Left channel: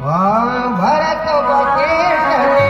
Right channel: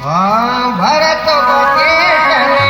Bharat बकेशने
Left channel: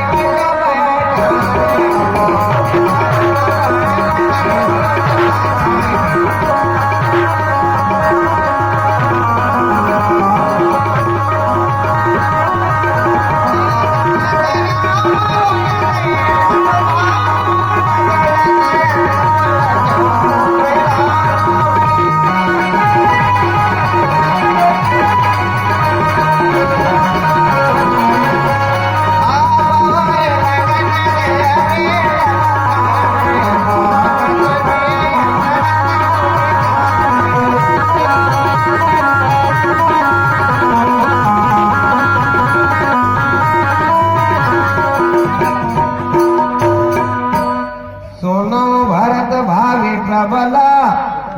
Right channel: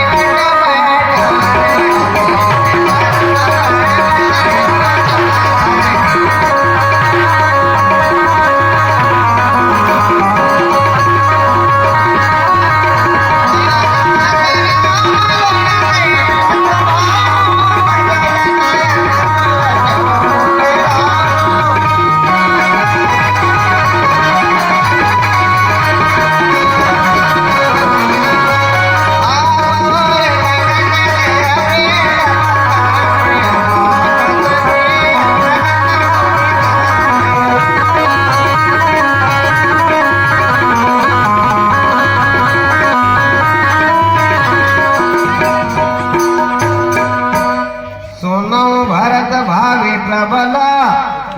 प्रबला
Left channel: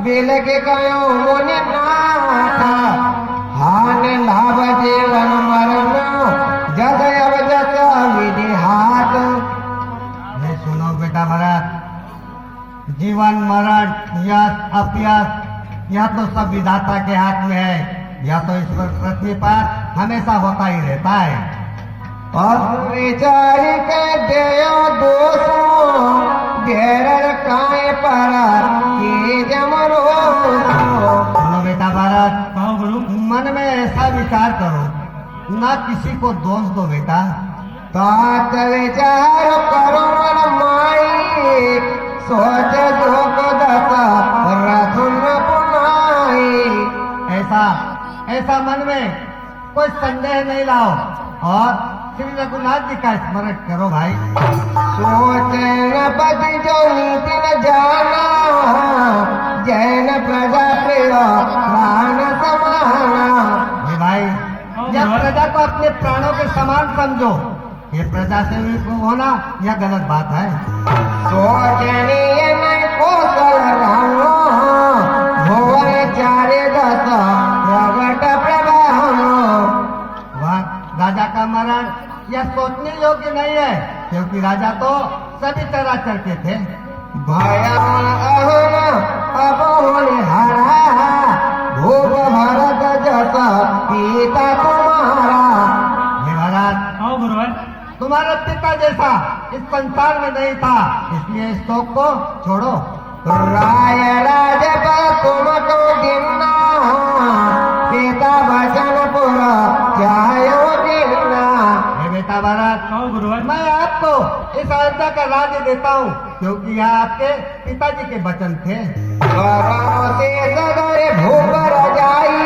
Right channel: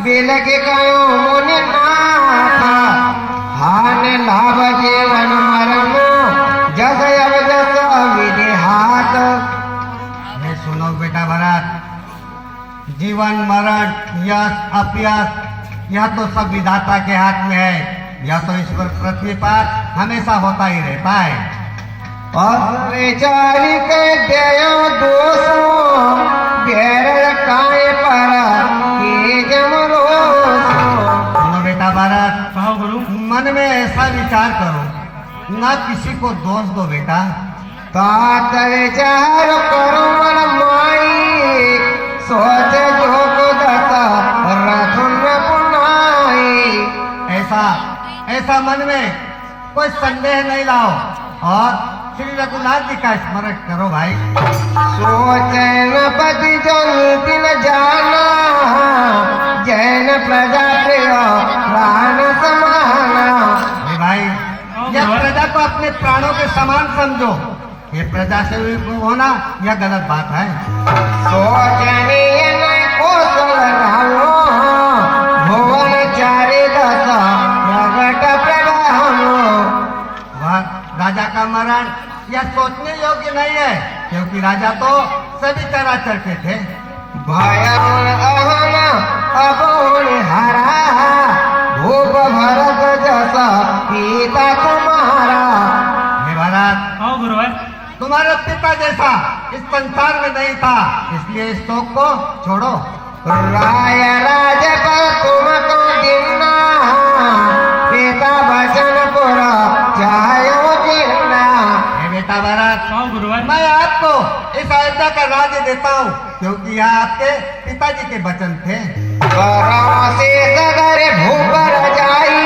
bell के कायो मोने नाथा हान लाभ जीवन मरण जग अब जस विधि हाथ। ये सुनो बेटा भरत, जीवन मरण यश अपयश यह तो सब विधाता के हाथ में है। यह तो ईश्वर पृथ्वी पर हमेशा होता ही रहता है। विचारी के देयो दोषो घेरल काय पर के जमरो। सुनो बेटा भरत, कहो गुरु। मन में ऐसा विचार करो, ना किसी को दोष दो बेटा। तात विचार करो मन माई सोच जोग दता रथुन पुनाई। ऐसा ऐसा मन में कोई संदेह नहीं लाओ और श्री रघुनाथ जी का स्मरण करो भाई। सोचे न पति जल्दी न जाना जैन प्रजा प्रिय प्राण समाना। भाई यह प्रजा को अपने प्राणों के समान समझो। ये प्रजा से होना यह गलत बात है। सोचनीय न कौशल रालो भुवन चारे दस प्रगट प्रभाम। राजा का मरण यह सोचने योग्य नहीं है, क्योंकि राजा तो सभी चराचर के थे। भयन अहन अबहुन हरा भूप भरत जस पिता तुम्हारा। हे भरत, कहो गुरु। तुम्हारा पिता जैसा इस संसार में नहीं था, इसलिए इस शोक को छोड़ो। राय राज पर तुम तो गिनना पिता वचन पुर चायो गिनना। हे बेटा भरत, कहो गुरु। मैं आपको इस अयोध्या का राज्य देता हूँ, क्योंकि यह आपके पिताजी के वचन थे। परम से सगर भूप रजाई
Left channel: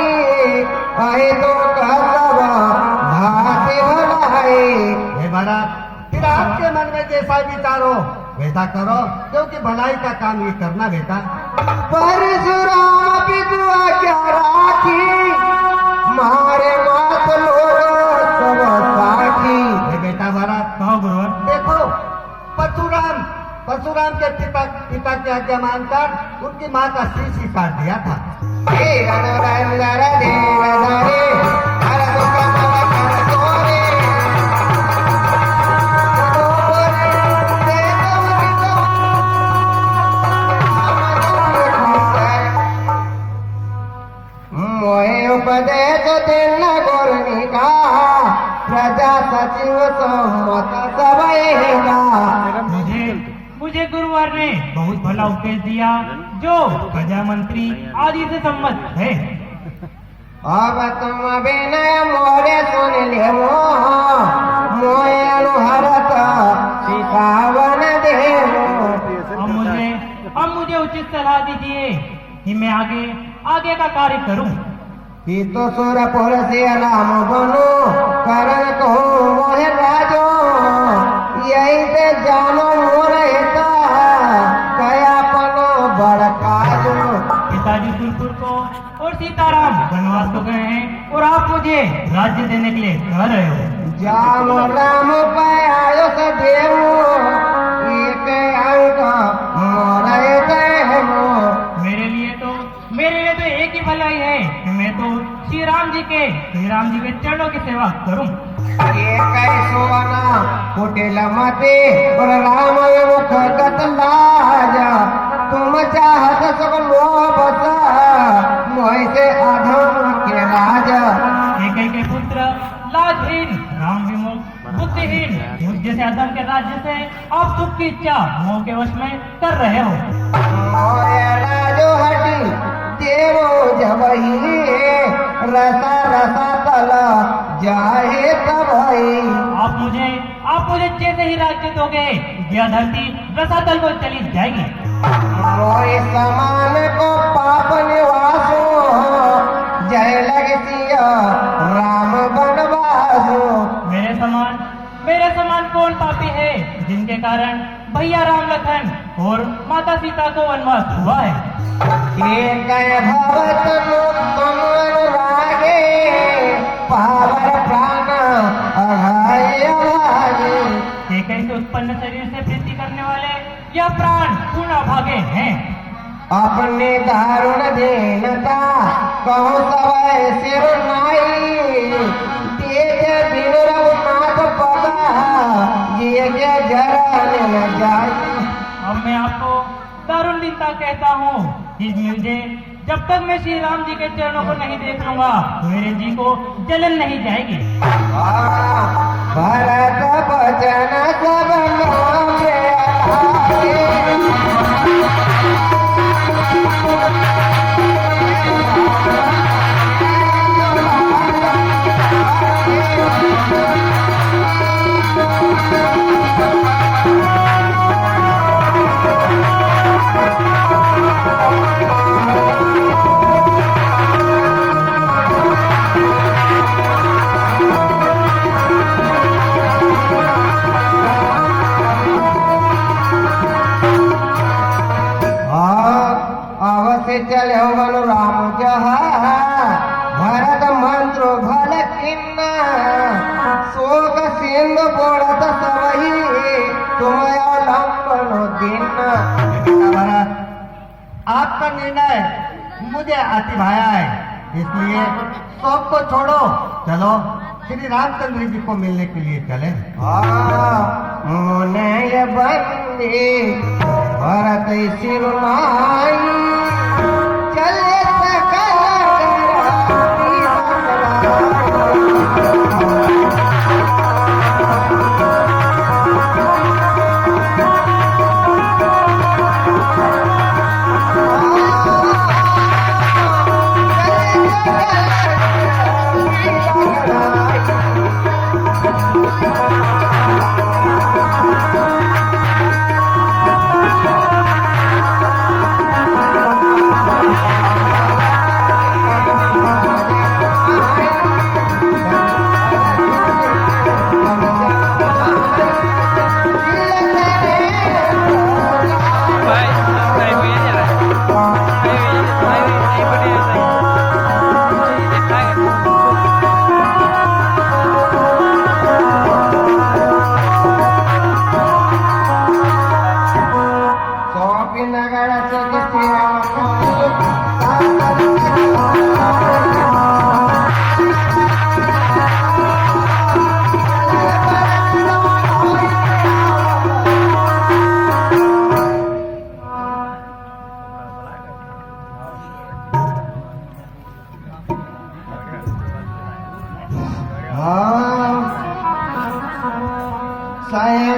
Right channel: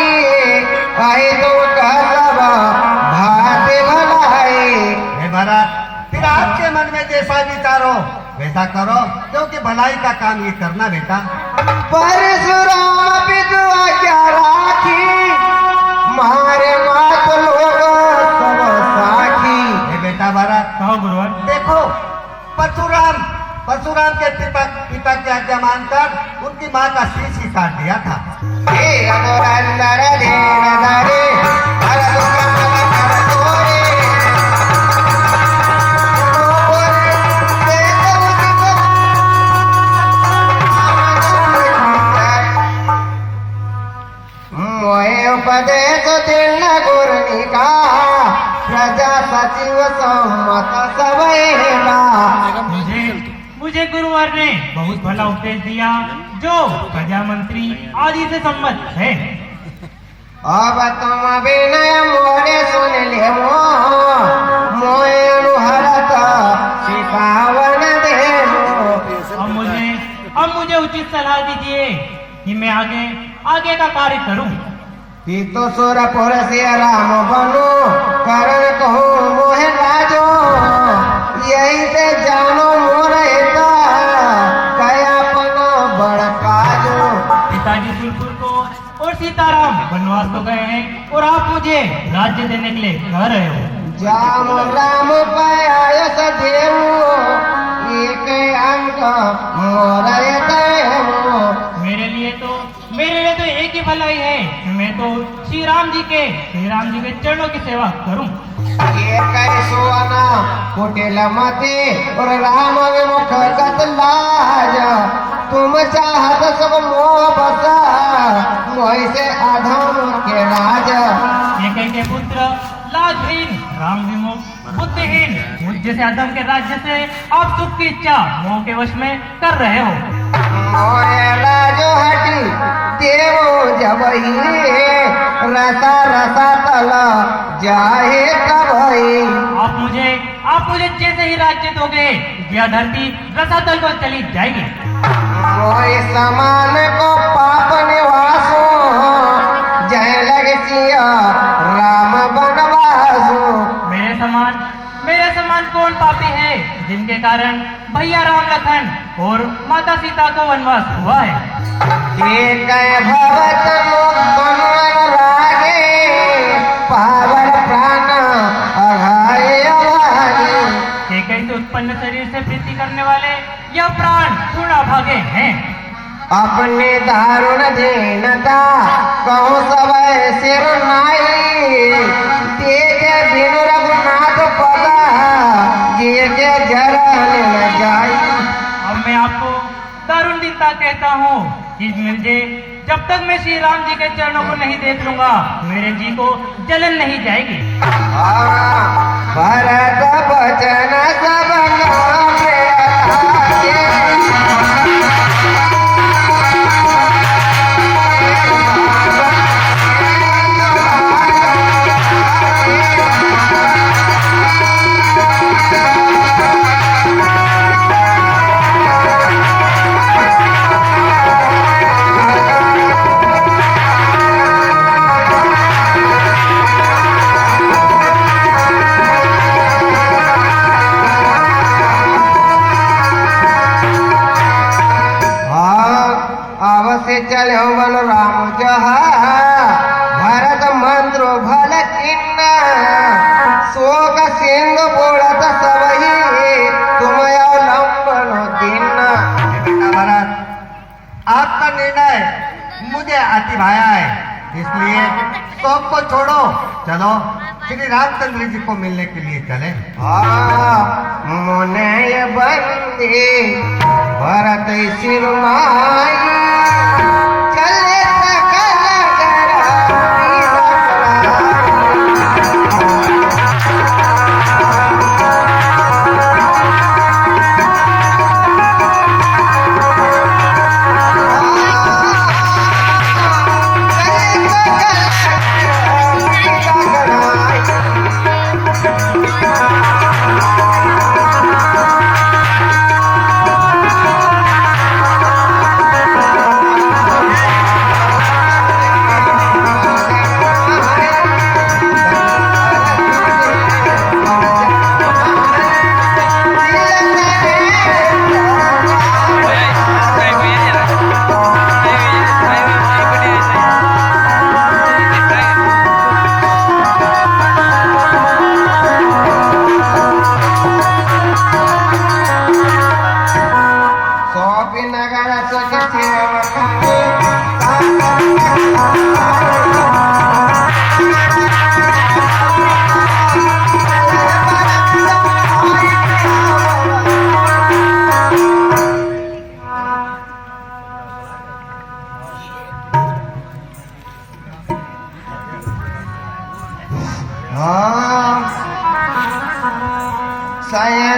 कहे तो सब भाते भलाई। हे भरत, फिर आपके मन में जैसा विचार हो वैसा करो, क्योंकि भलाई का काम ये करना बेटा। परशुराम विधवा क्या राखी मारे मात लोग सब साखी। हे बेटा भरत, कहो गुरु। देखो परशुराम के पिता की आज्ञा मानकर उनकी माँ का शीश ही काट दिया था। उपदेश दिन गुरुनिका प्रजा सचिव सम्मत सब मुझे गुरुवर ने बहुत भला उपदेश दिया, जो प्रजा मंत्री आदि से सम्मत है। अब तुम विनय मोरे सुन ले मोय अनुहरत सिखावन देवो। अब मुझे उचित सलाह दीजिए कि मैं आगे का कार्य करूं। कि तो सुरपुर से राम बनो करण कहो मोहे राजो यही से जानो मोरता कयापना बड़काजो। पिताजी सुरपुर को और सीताराम वनवास तो गए हैं और आप मुझे राज्य देने के लिए कह रहे हो। जाम राम पायो सदेव एक अंक मोरे देव। मेरे लिए तो एक ही भलाई है कि मैं तो श्री राम जी के चरणों की सेवा करूं। सोना कुटिल मते और राम विमुख कतलाज तुम चाहत सब मोह बसा मोह से अधम के राज। एक के पुत्र लाजहीन, राम विमुख, बुद्धिहीन, मुझ जैसे अदम के राज्य से आप सुख की इच्छा मोह के वश में कर रहे हो। मोरे राजो हटी देवो जबही रसा रसा तला जाहे तबही। आप मुझे जैसे ही राज्य दोगे यह धरती रसातल को चली जाएगी। मोरे समान को पाप निवासो जय लग सिया राम बनवासो। मेरे समान कौन पापी है जिनके कारण भैया राम लखन और माता सीता को वनवास हुआ है। एक भवत मुक्तन रागे पावन प्राण अघाए अभागे। एक ऐसे उत्पन्न शरीर से प्रीति करने वाले यह प्राण पूर्ण अभागे हैं। अपने दारुण दीनता कहूँ सब सिर नाई तेज बिनु रघुनाथ पदा जिए के जरने न जाई। अब मैं आपको दारुण दीनता कहता हूँ कि मुझे जब तक मैं श्री राम जी के चरणों को नहीं देख लूंगा मेरे जी को जलन नहीं जाएगी। भरत बचन सब नाम चले हो बन राम जहा भरत मंत्र भल किन्ना शोक सिंधु बोड़त सबही तुम अवलंबन दिन्ना। बेटा भरत, आपका निर्णय मुझे अति भाया है, इसलिए सबको छोड़ो, चलो श्री रामचंद्र जी को मिलने के लिए चले। मुने ये बंदी भरत सिरमाई चले सकल कर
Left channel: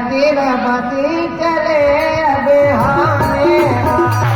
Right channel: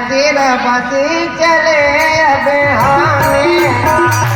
दिन बसी चले अब हमें